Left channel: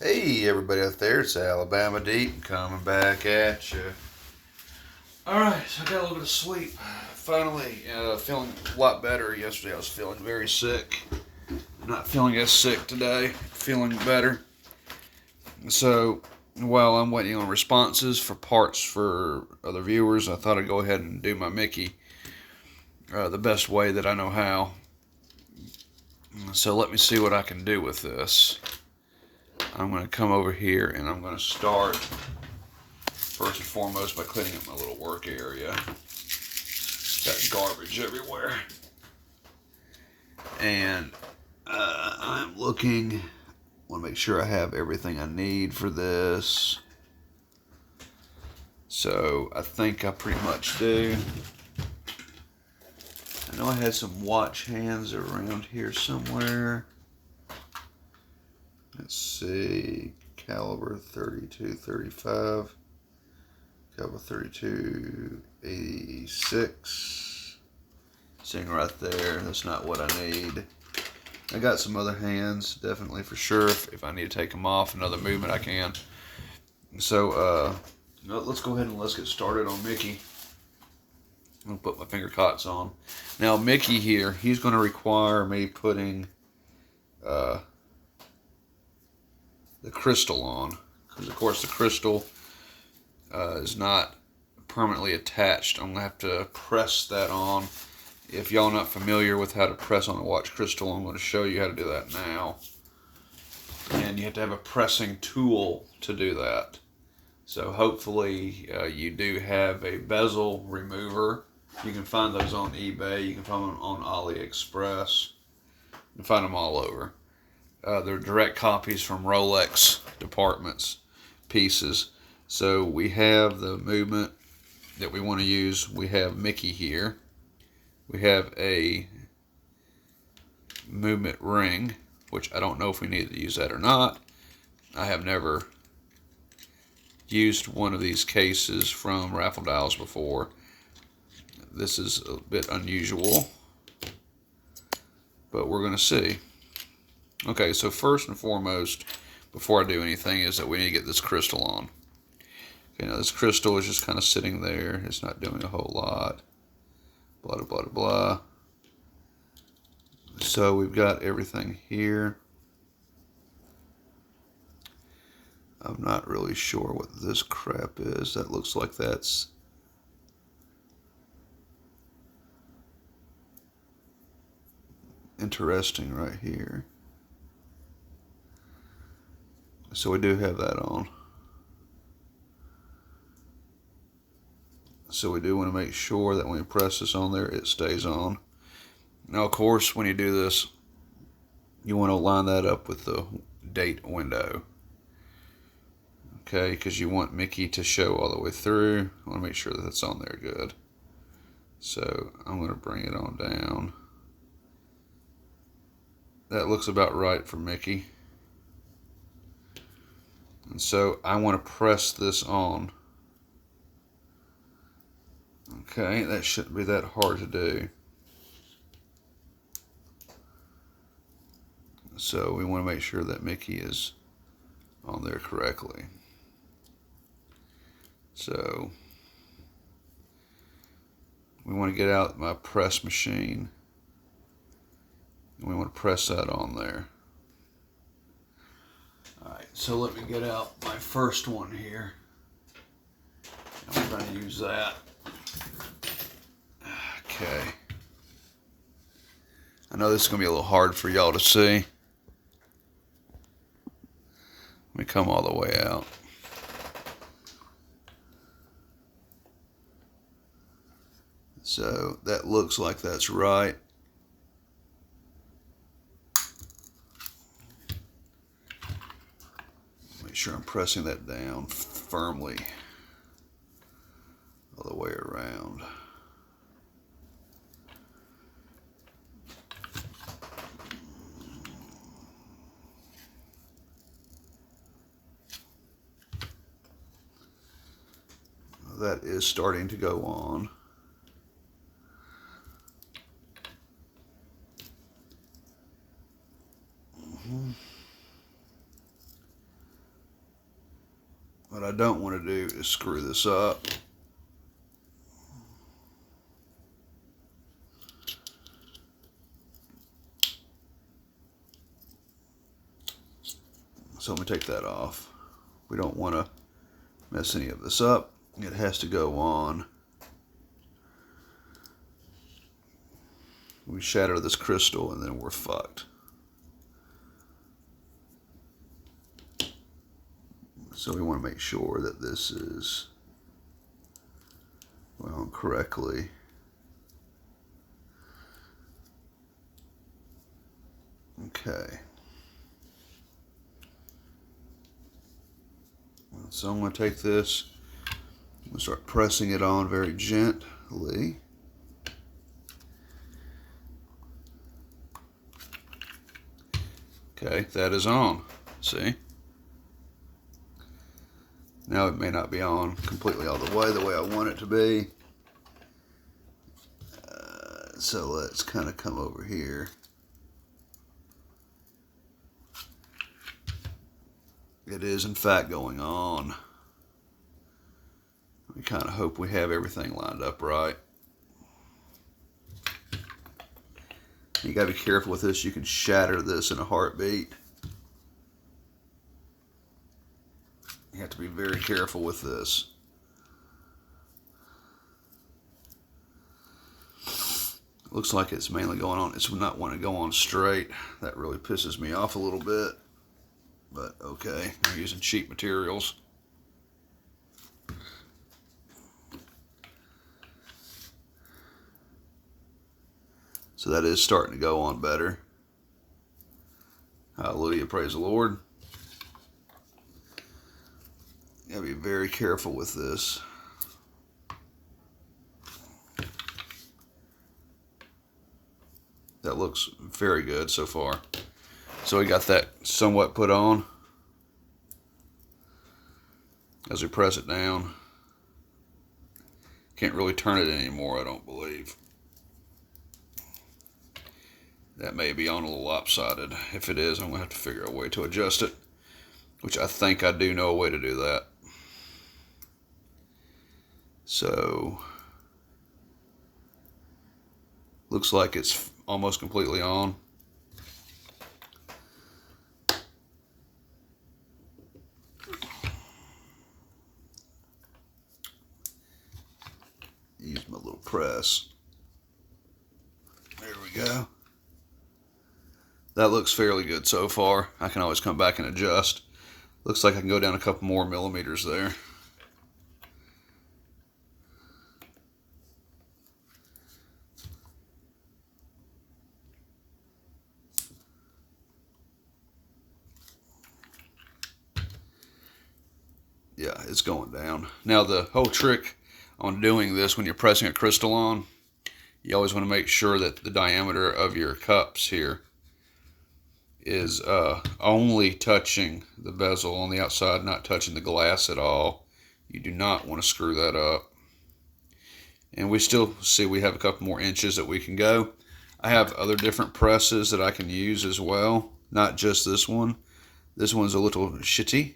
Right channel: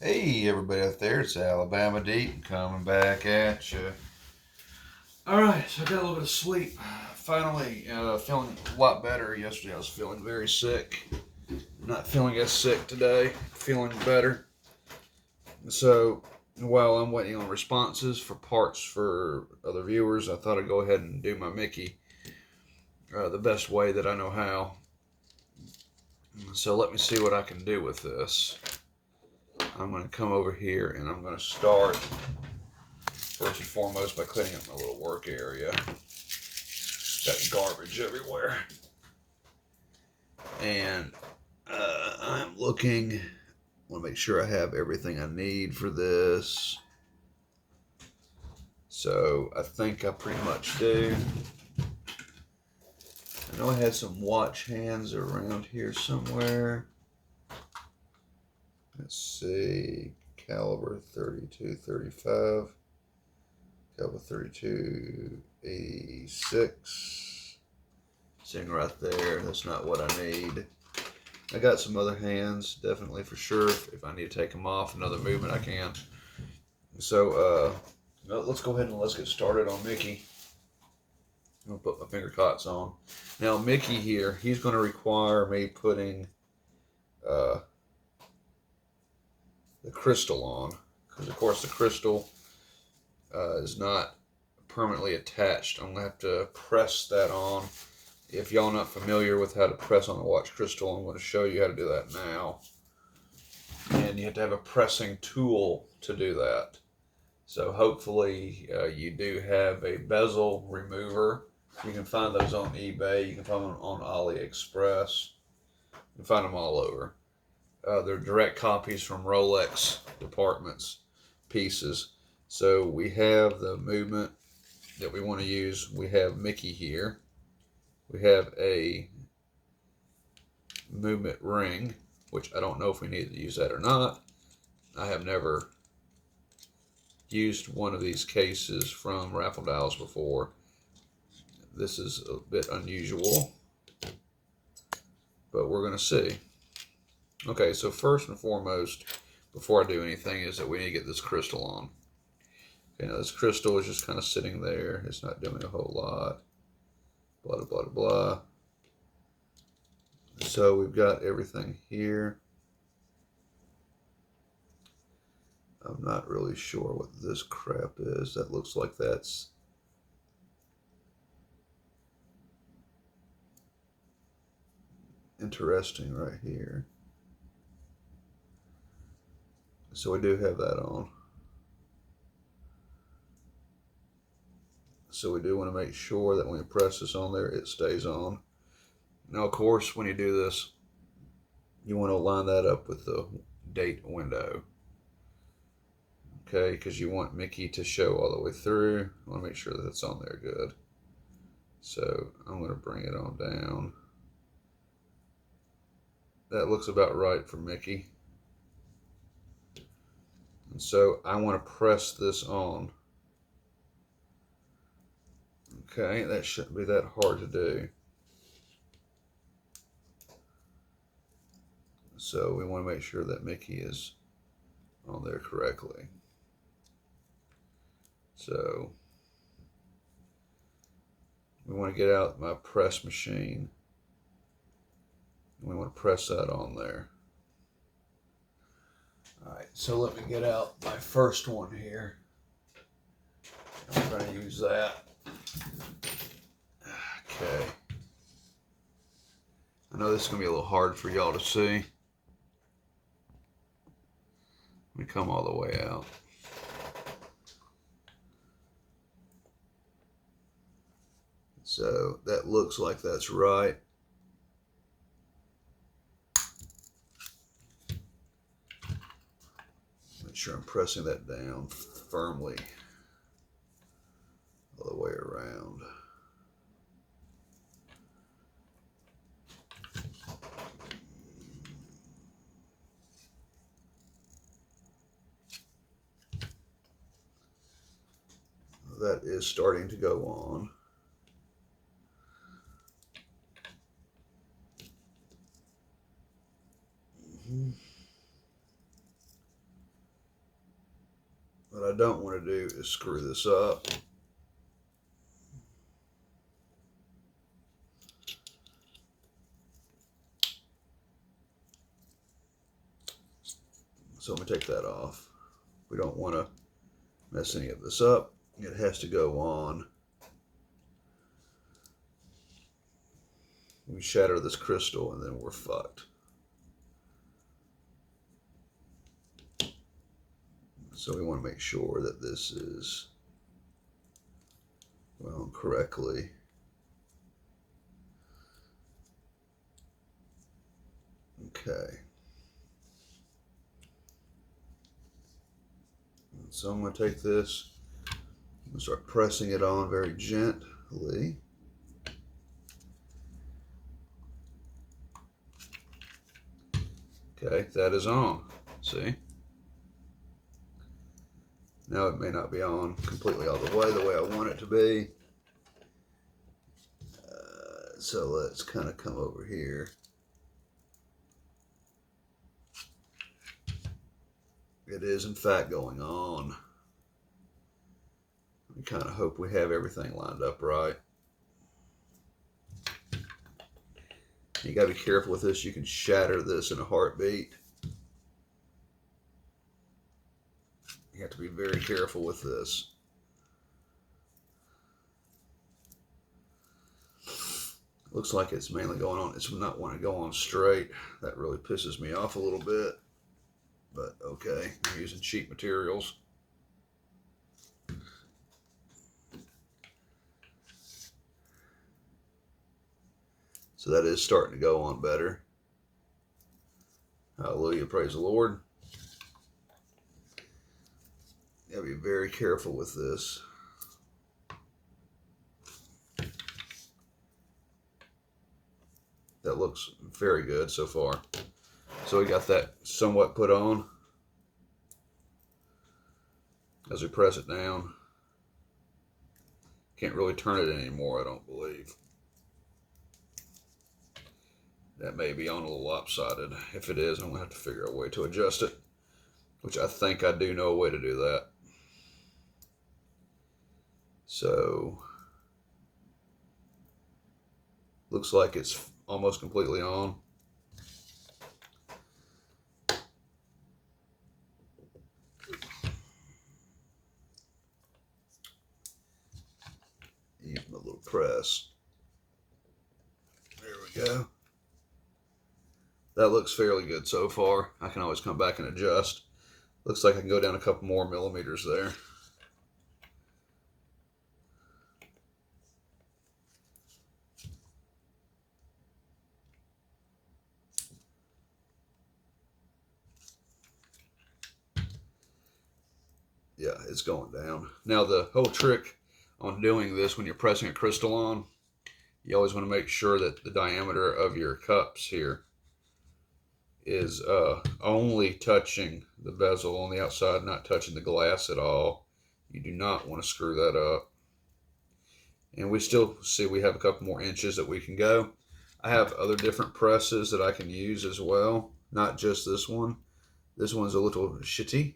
Hey, everybody out there, it's Alabama Deep coming back at you. Alright, so I got a little bit of sleep. Finally, feeling a lot better. Yesterday I was feeling very sick. Not feeling as sick today, feeling better. So, while I'm waiting on responses for parts for other viewers, I thought I'd go ahead and do my Mickey the best way that I know how. So, let me see what I can do with this. I'm going to come over here and I'm going to start first and foremost by cleaning up my little work area. Got garbage everywhere. And I'm looking, want to make sure I have everything I need for this. So I think I pretty much do. I know I had some watch hands around here somewhere. Let's see, caliber 32, 35, caliber 32, 86. Sitting right there, that's not what I need. I got some other hands, definitely for sure. If I need to take them off, another movement I can. So, let's go ahead and let's get started on Mickey. I'm gonna put my finger cots on. Now, Mickey here, he's gonna require me putting the crystal on, because of course the crystal is not permanently attached. I'm gonna have to press that on. If y'all not familiar with how to press on a watch crystal, I'm going to show you how to do that now. And you have to have a pressing tool to do that. So hopefully you do have a bezel remover. You can find those on eBay. You can find them on AliExpress. You can find them all over. They're direct copies from Rolex departments pieces. So we have the movement that we want to use. We have Mickey here. We have a movement ring, which I don't know if we need to use that or not. I have never used one of these cases from Raffle Dials before. This is a bit unusual, but we're going to see. Okay, so first and foremost, before I do anything, is that we need to get this crystal on. Okay, now this crystal is just kind of sitting there. It's not doing a whole lot. Blah, blah, blah, blah. So we've got everything here. I'm not really sure what this crap is. That looks like that's interesting right here. So we do have that on. So we do want to make sure that when we press this on there, it stays on. Now, of course, when you do this, you want to line that up with the date window. Okay, because you want Mickey to show all the way through. I want to make sure that that's on there good. So I'm going to bring it on down. That looks about right for Mickey. And so I want to press this on. Okay, that shouldn't be that hard to do. So we want to make sure that Mickey is on there correctly. So we want to get out my press machine. And we want to press that on there. Alright, so let me get out my first one here. I'm going to use that. Okay. I know this is going to be a little hard for y'all to see. Let me come all the way out. So that looks like that's right. Make sure I'm pressing that down firmly all the way around. That is starting to go on. I don't want to do is screw this up. So I'm going to take that off. We don't want to mess any of this up. It has to go on. We shatter this crystal and then we're fucked. So we want to make sure that this is well correctly. Okay. So I'm going to take this, I'm going to start pressing it on very gently. Okay, that is on. See? Now it may not be on completely all the way I want it to be. So let's kind of come over here. It is in fact going on. We kind of hope we have everything lined up right. You got to be careful with this. You can shatter this in a heartbeat. You have to be very careful with this. Looks like it's mainly going on. It's not wanting to go on straight. That really pisses me off a little bit. But okay, I'm using cheap materials. So that is starting to go on better. Hallelujah, praise the Lord. You gotta be very careful with this. That looks very good so far. So we got that somewhat put on. As we press it down. Can't really turn it anymore, I don't believe. That may be on a little lopsided. If it is, I'm going to have to figure out a way to adjust it. Which I think I do know a way to do that. So, looks like it's almost completely on. Use my little press. There we go. That looks fairly good so far. I can always come back and adjust. Looks like I can go down a couple more millimeters there. Yeah, it's going down. Now the whole trick on doing this when you're pressing a crystal on, you always want to make sure that the diameter of your cups here is only touching the bezel on the outside, not touching the glass at all. You do not want to screw that up. And we still see we have a couple more inches that we can go. I have other different presses that I can use as well, not just this one. This one's a little shitty.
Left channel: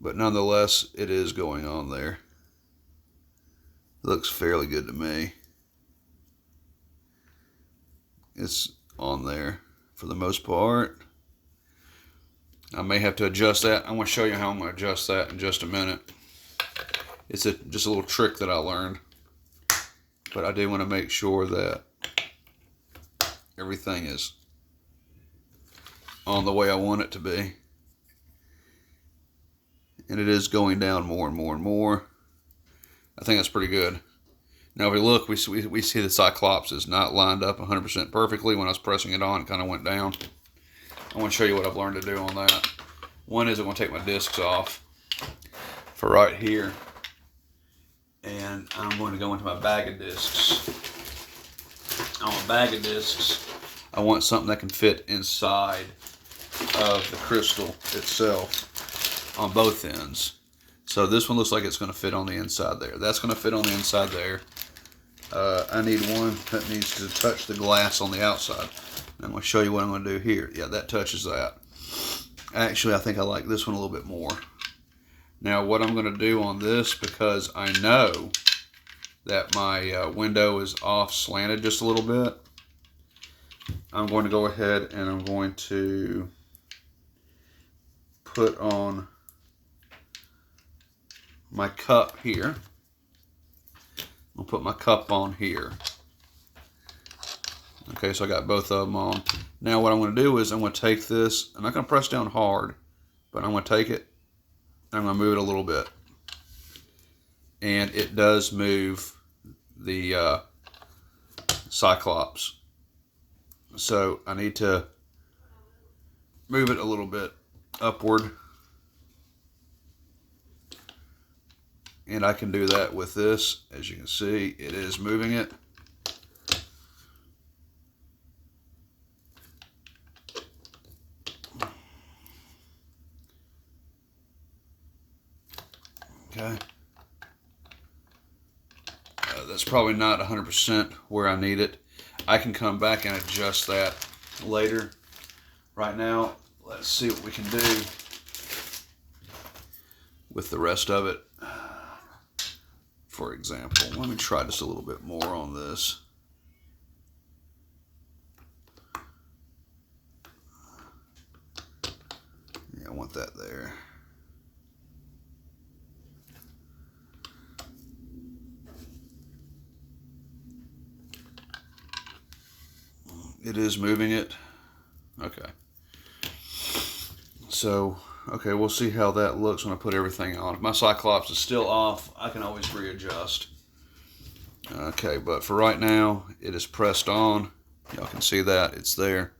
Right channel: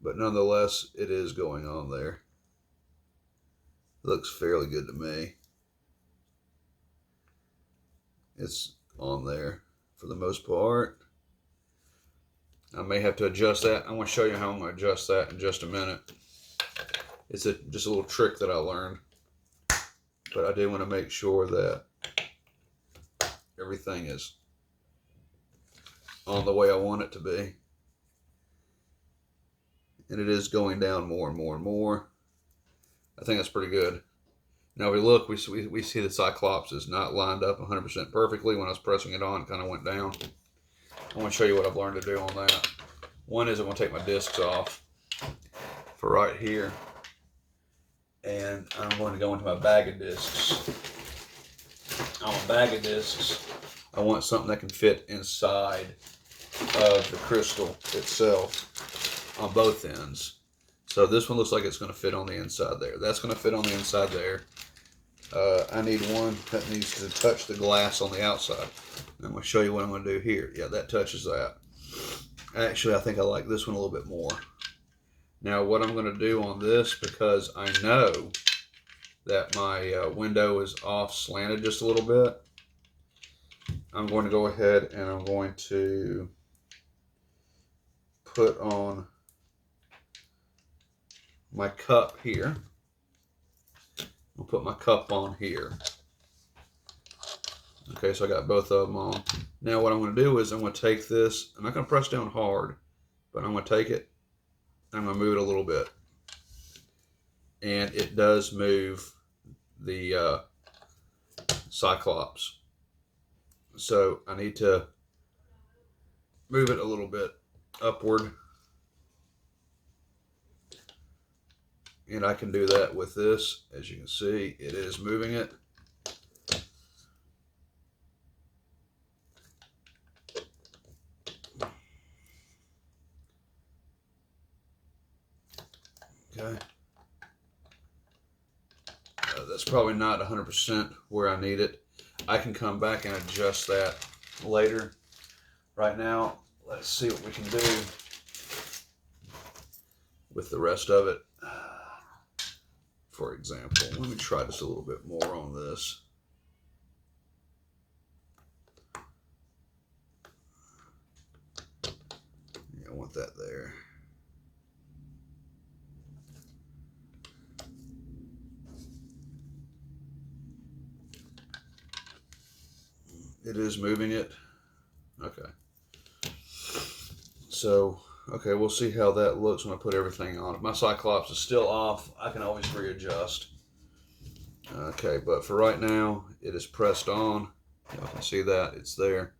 But nonetheless, it is going on there. Looks fairly good to me. It's on there for the most part. I may have to adjust that. I'm going to show you how I'm going to adjust that in just a minute. It's just a little trick that I learned. But I do want to make sure that everything is on the way I want it to be. And it is going down more and more and more. I think that's pretty good. Now if we look, we see the Cyclops is not lined up 100% perfectly. When I was pressing it on, it kind of went down. I want to show you what I've learned to do on that. One is I'm going to take my discs off for right here. And I'm going to go into my bag of discs. On my bag of discs, I want something that can fit inside of the crystal itself on both ends. So this one looks like it's going to fit on the inside there. That's going to fit on the inside there. I need one that needs to touch the glass on the outside. I'm going to show you what I'm going to do here. Yeah, that touches that. Actually, I think I like this one a little bit more. Now, what I'm going to do on this, because I know that my window is off slanted just a little bit, I'm going to go ahead and I'm going to put on my cup here. I'll put my cup on here. Okay, so I got both of them on. Now what I'm going to do is I'm going to take this, I'm not going to press down hard, but I'm going to take it, and I'm going to move it a little bit. And it does move the Cyclops. So I need to move it a little bit upward. And I can do that with this. As you can see, it is moving it. Okay. That's probably not 100% where I need it. I can come back and adjust that later. Right now, let's see what we can do with the rest of it. For example, let me try just a little bit more on this. Yeah, I want that there. It is moving it. Okay. So, okay, we'll see how that looks when I put everything on. If my Cyclops is still off, I can always readjust. Okay, but for right now, it is pressed on. Y'all can see that. It's there.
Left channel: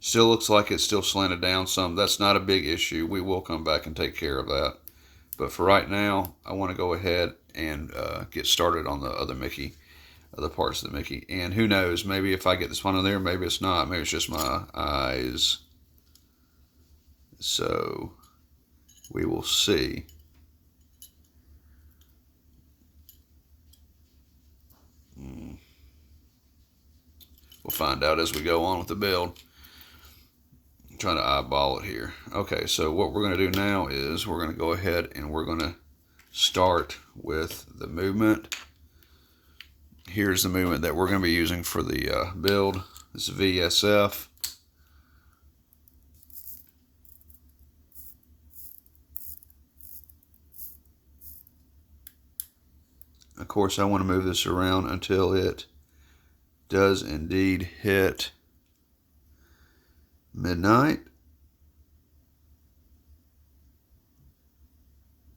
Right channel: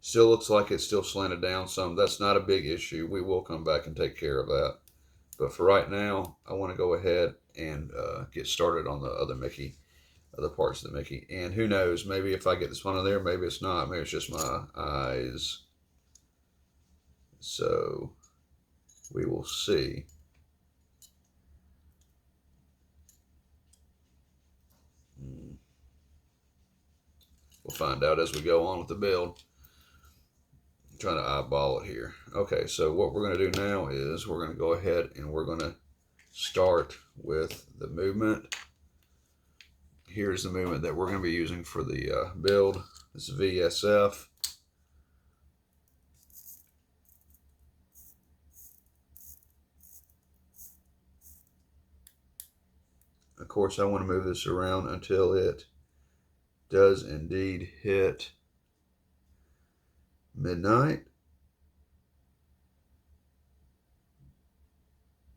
Still looks like it's still slanted down some. That's not a big issue. We will come back and take care of that. But for right now, I want to go ahead and get started on the other Mickey, other parts of the Mickey. And who knows, maybe if I get this one in there, maybe it's not. Maybe it's just my eyes. So we will see. We'll find out as we go on with the build. I'm trying to eyeball it here. Okay, so what we're going to do now is we're going to go ahead and we're going to start with the movement. Here's the movement that we're going to be using for the build. This is VSF. Of course, I want to move this around until it does indeed hit midnight.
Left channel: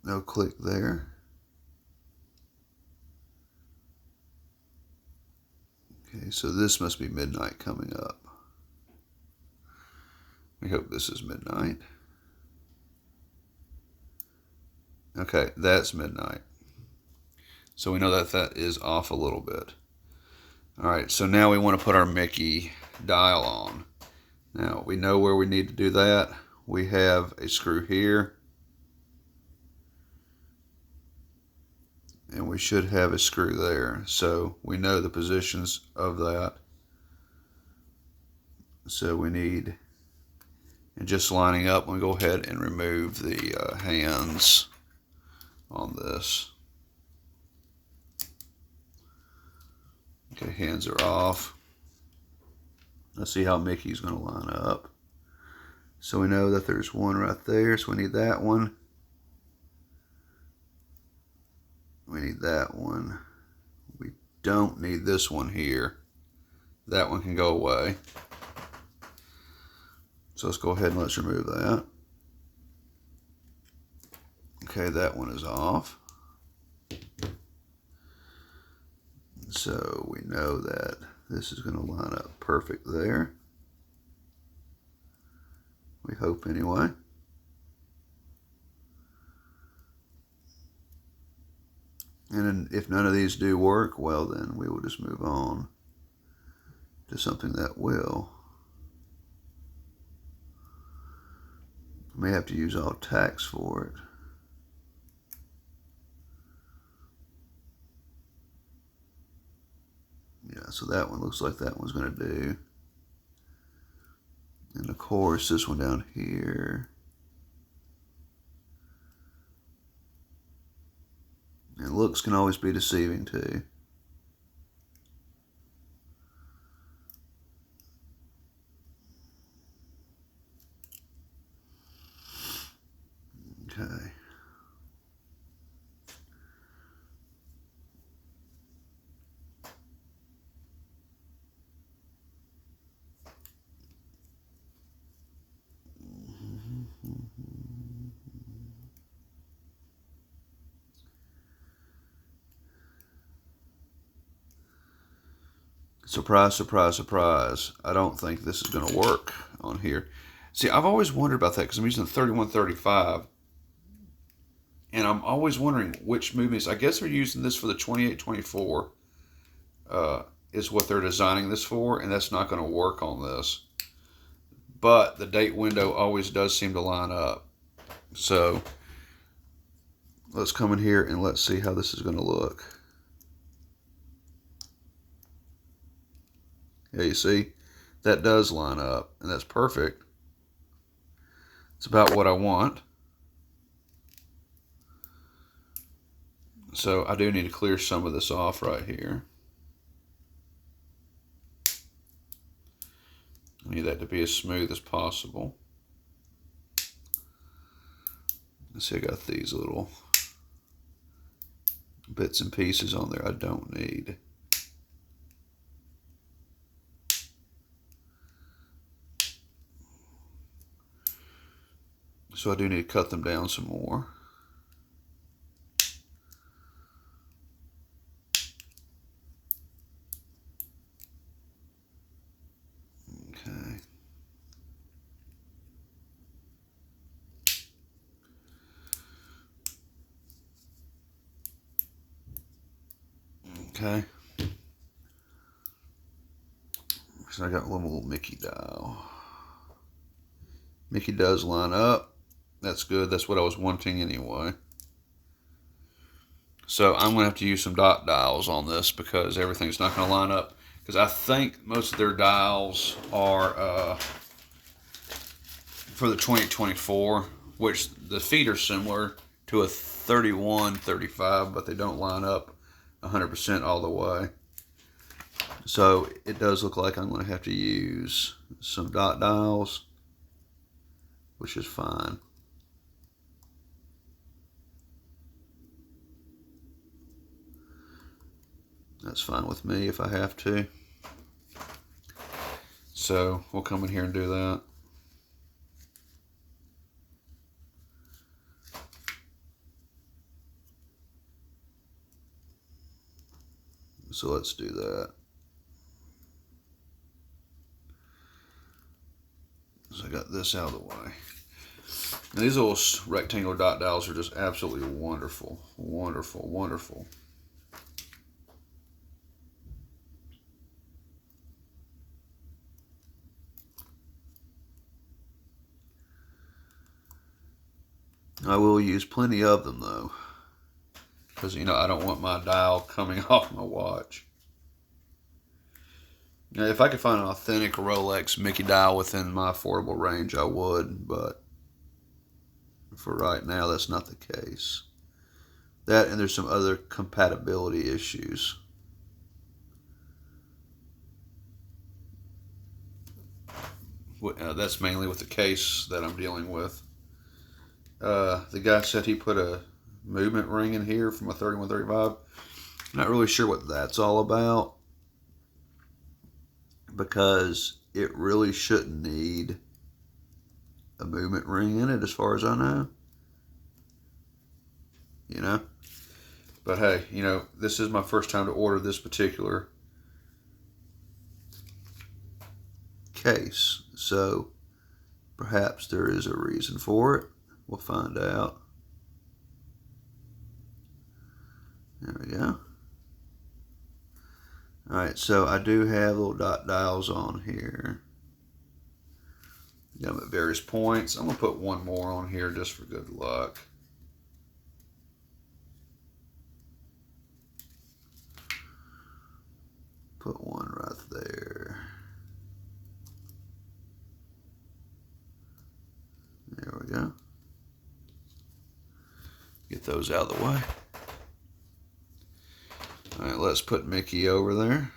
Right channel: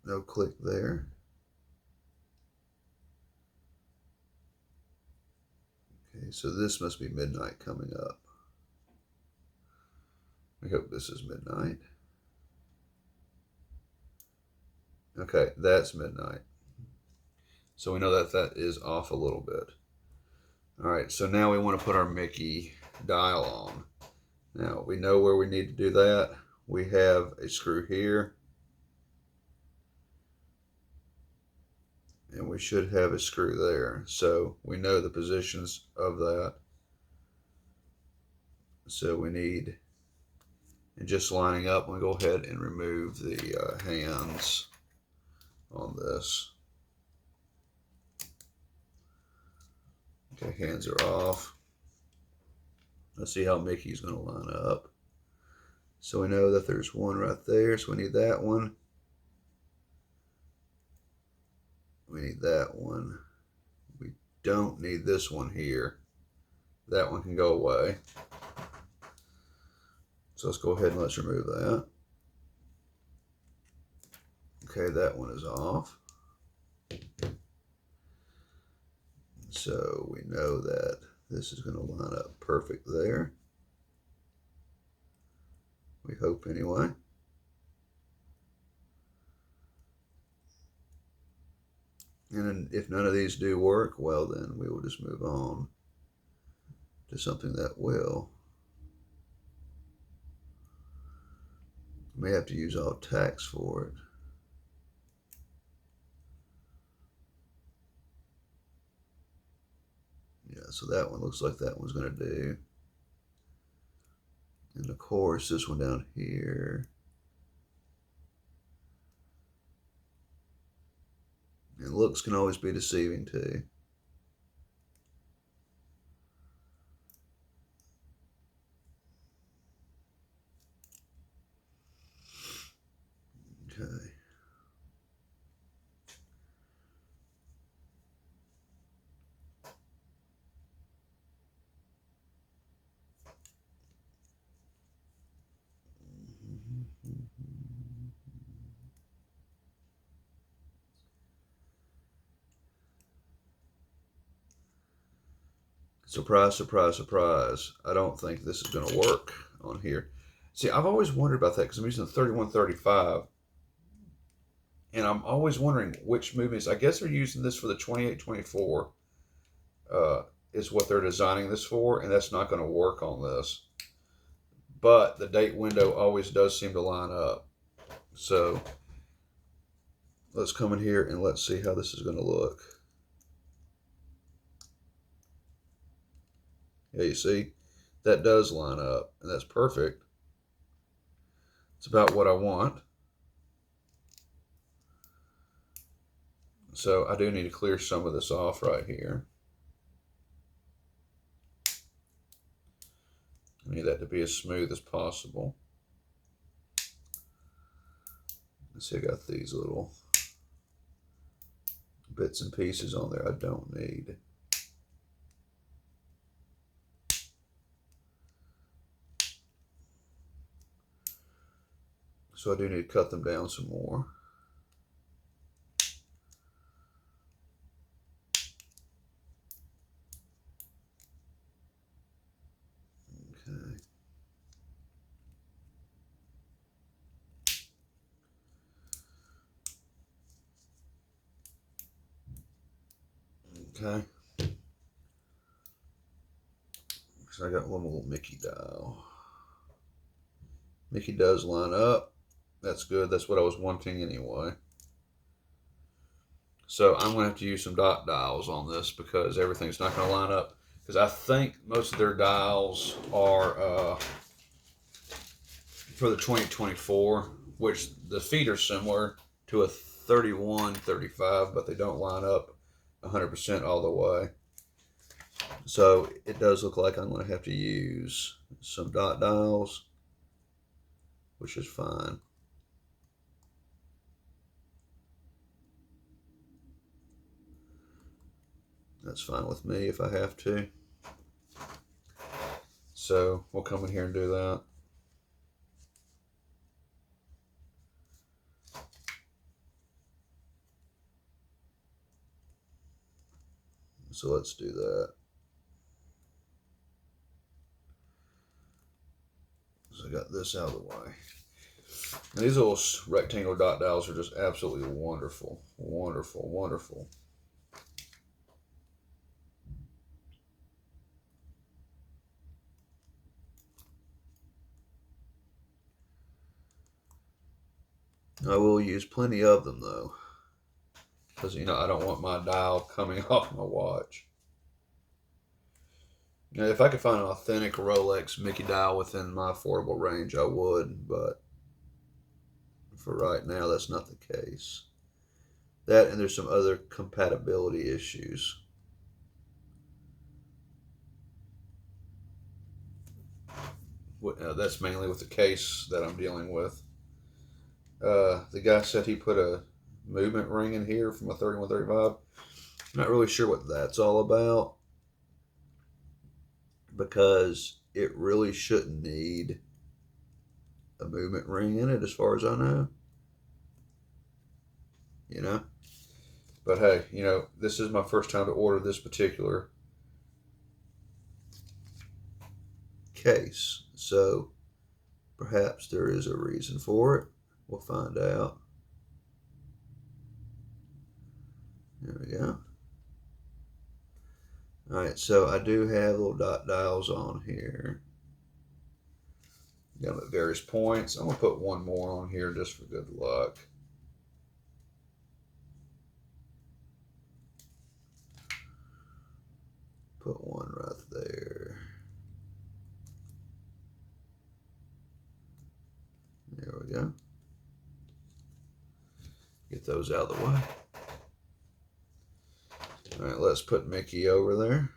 No click there. Okay, so this must be midnight coming up. We hope this is midnight. Okay, that's midnight. So we know that that is off a little bit. All right, so now we want to put our Mickey dial on. Now we know where we need to do that. We have a screw here. And we should have a screw there. So we know the positions of that. So we need, and just lining up, we'll go ahead and remove the hands on this. Okay, hands are off. Let's see how Mickey's going to line up. So we know that there's one right there, so we need that one. We need that one. We don't need this one here. That one can go away. So let's go ahead and let's remove that. Okay, that one is off. So we know that this is going to line up perfect there. We hope anyway. And then if none of these do work, well then we will just move on to something that will. I may have to use all tacks for it. Yeah, so that one looks like that one's going to do. course, this one down here. And looks can always be deceiving too. Okay. Surprise, surprise, surprise. I don't think this is going to work on here. See, I've always wondered about that because I'm using the 3135. And I'm always wondering which movements. I guess they're using this for the 2824 is what they're designing this for. And that's not going to work on this. But the date window always does seem to line up. So let's come in here and let's see how this is going to look. Yeah, you see, that does line up, and that's perfect. It's about what I want. So I do need to clear some of this off right here. I need that to be as smooth as possible. Let's see, I got these little bits and pieces on there I don't need. So I do need to cut them down some more. Okay. Okay. So I got one little Mickey dial. Mickey does line up. That's good. That's what I was wanting anyway. So I'm going to have to use some dot dials on this because everything's not going to line up. Because I think most of their dials are for the 2024, which the feet are similar to a 3135, but they don't line up 100% all the way. So it does look like I'm going to have to use some dot dials, which is fine. That's fine with me if I have to. So we'll come in here and do that. So let's do that. So I got this out of the way. Now these little rectangular dot dials are just absolutely wonderful. Wonderful, wonderful. I will use plenty of them though, because you know I don't want my dial coming off my watch. Now, if I could find an authentic Rolex Mickey dial within my affordable range, I would, but for right now, that's not the case. That and there's some other compatibility issues. That's mainly with the case that I'm dealing with. The guy said he put a movement ring in here from a 3135. I'm not really sure what that's all about because it really shouldn't need a movement ring in it as far as I know. You know? But hey, you know, this is my first time to order this particular case. So perhaps there is a reason for it. We'll find out. There we go. Alright, so I do have little dot dials on here. Got them at various points. I'm going to put one more on here just for good luck. Put one right there. those out of the way. All right, let's put Mickey over there.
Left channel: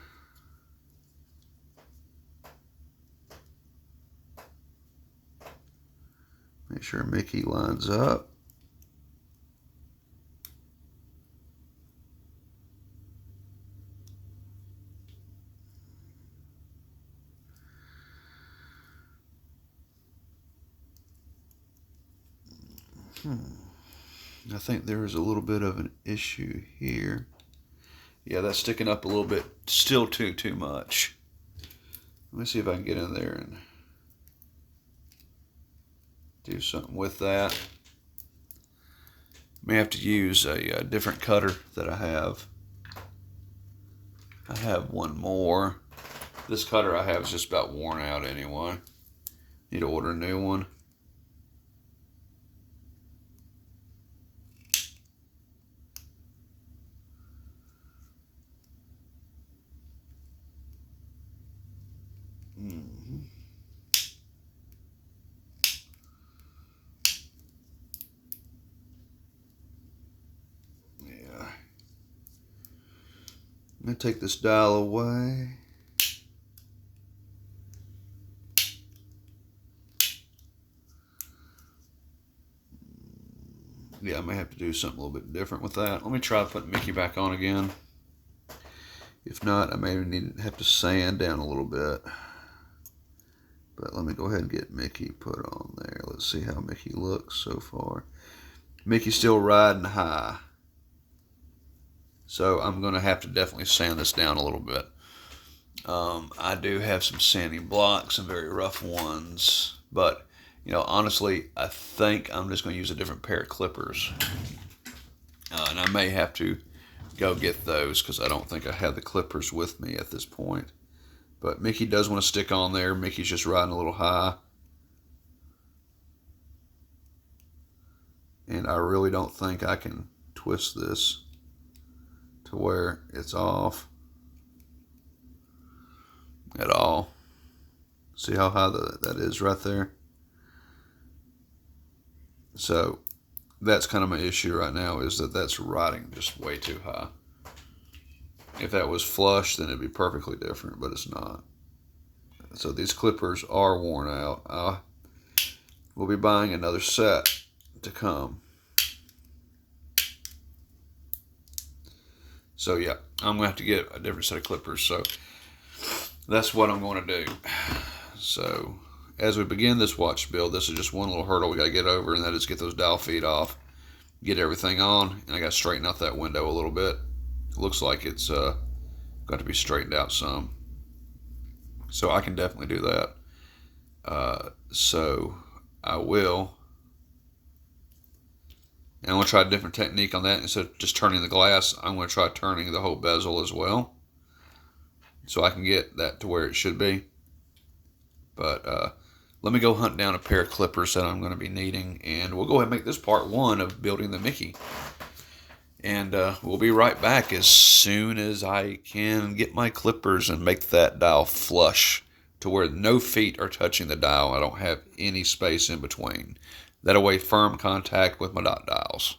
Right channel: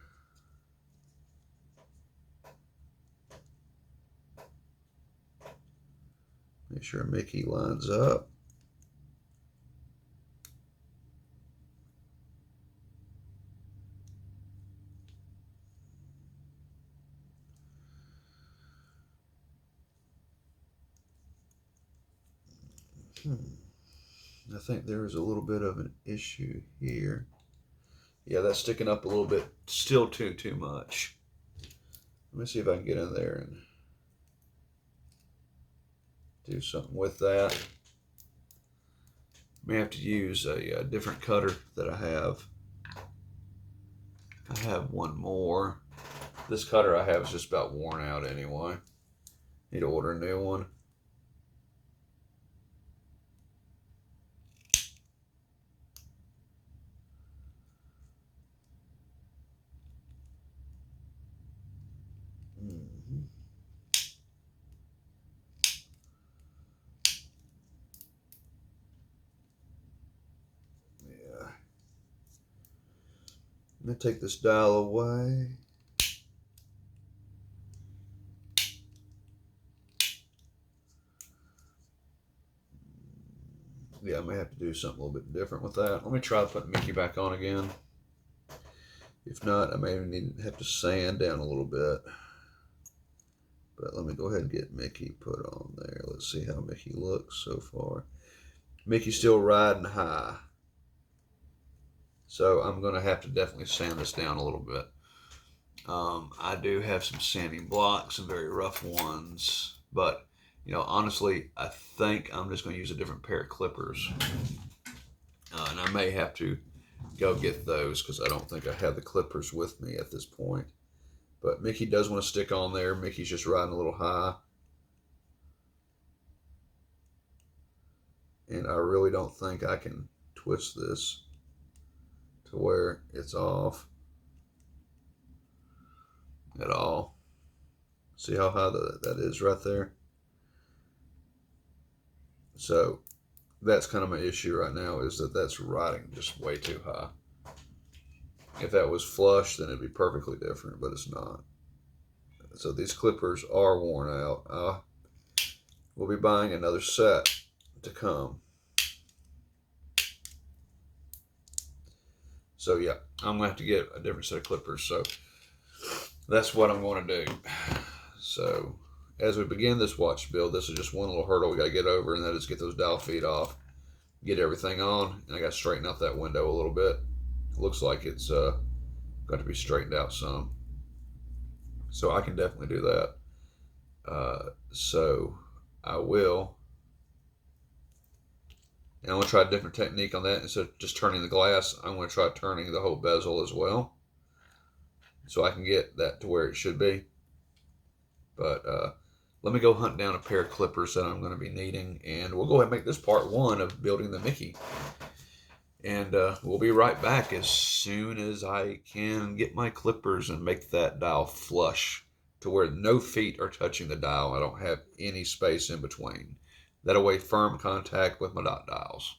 Make sure Mickey lines up. I think there is a little bit of an issue here. Yeah, that's sticking up a little bit. Still too much. Let me see if I can get in there and do something with that. May have to use a different cutter that I have. I have one more. This cutter I have is just about worn out anyway. Need to order a new one. I'm going to take this dial away. Yeah, I may have to do something a little bit different with that. Let me try to put Mickey back on again. If not, I may have to sand down a little bit. But let me go ahead and get Mickey put on there. Let's see how Mickey looks so far. Mickey's still riding high. So I'm going to have to definitely sand this down a little bit. I do have some sanding blocks, some very rough ones. But, you know, honestly, I think I'm just going to use a different pair of clippers. And I may have to go get those because I don't think I have the clippers with me at this point. But Mickey does want to stick on there. Mickey's just riding a little high. And I really don't think I can twist this to where it's off at all. See how high that is right there? So that's kind of my issue right now, is that that's riding just way too high. If that was flush, then it'd be perfectly different, but it's not. So these clippers are worn out. We'll be buying another set to come. So yeah, I'm going to have to get a different set of clippers. So that's what I'm going to do. So as we begin this watch build, this is just one little hurdle we got to get over, and that is get those dial feet off, get everything on, and I got to straighten out that window a little bit. It looks like it's got to be straightened out some. So I can definitely do that. So I will. And I'm going to try a different technique on that. Instead of just turning the glass, I'm going to try turning the whole bezel as well, so I can get that to where it should be. But let me go hunt down a pair of clippers that I'm going to be needing, and we'll go ahead and make this part one of building the Mickey. And we'll be right back as soon as I can get my clippers and make that dial flush to where no feet are touching the dial. I don't have any space in between. That way, firm contact with my dot dials.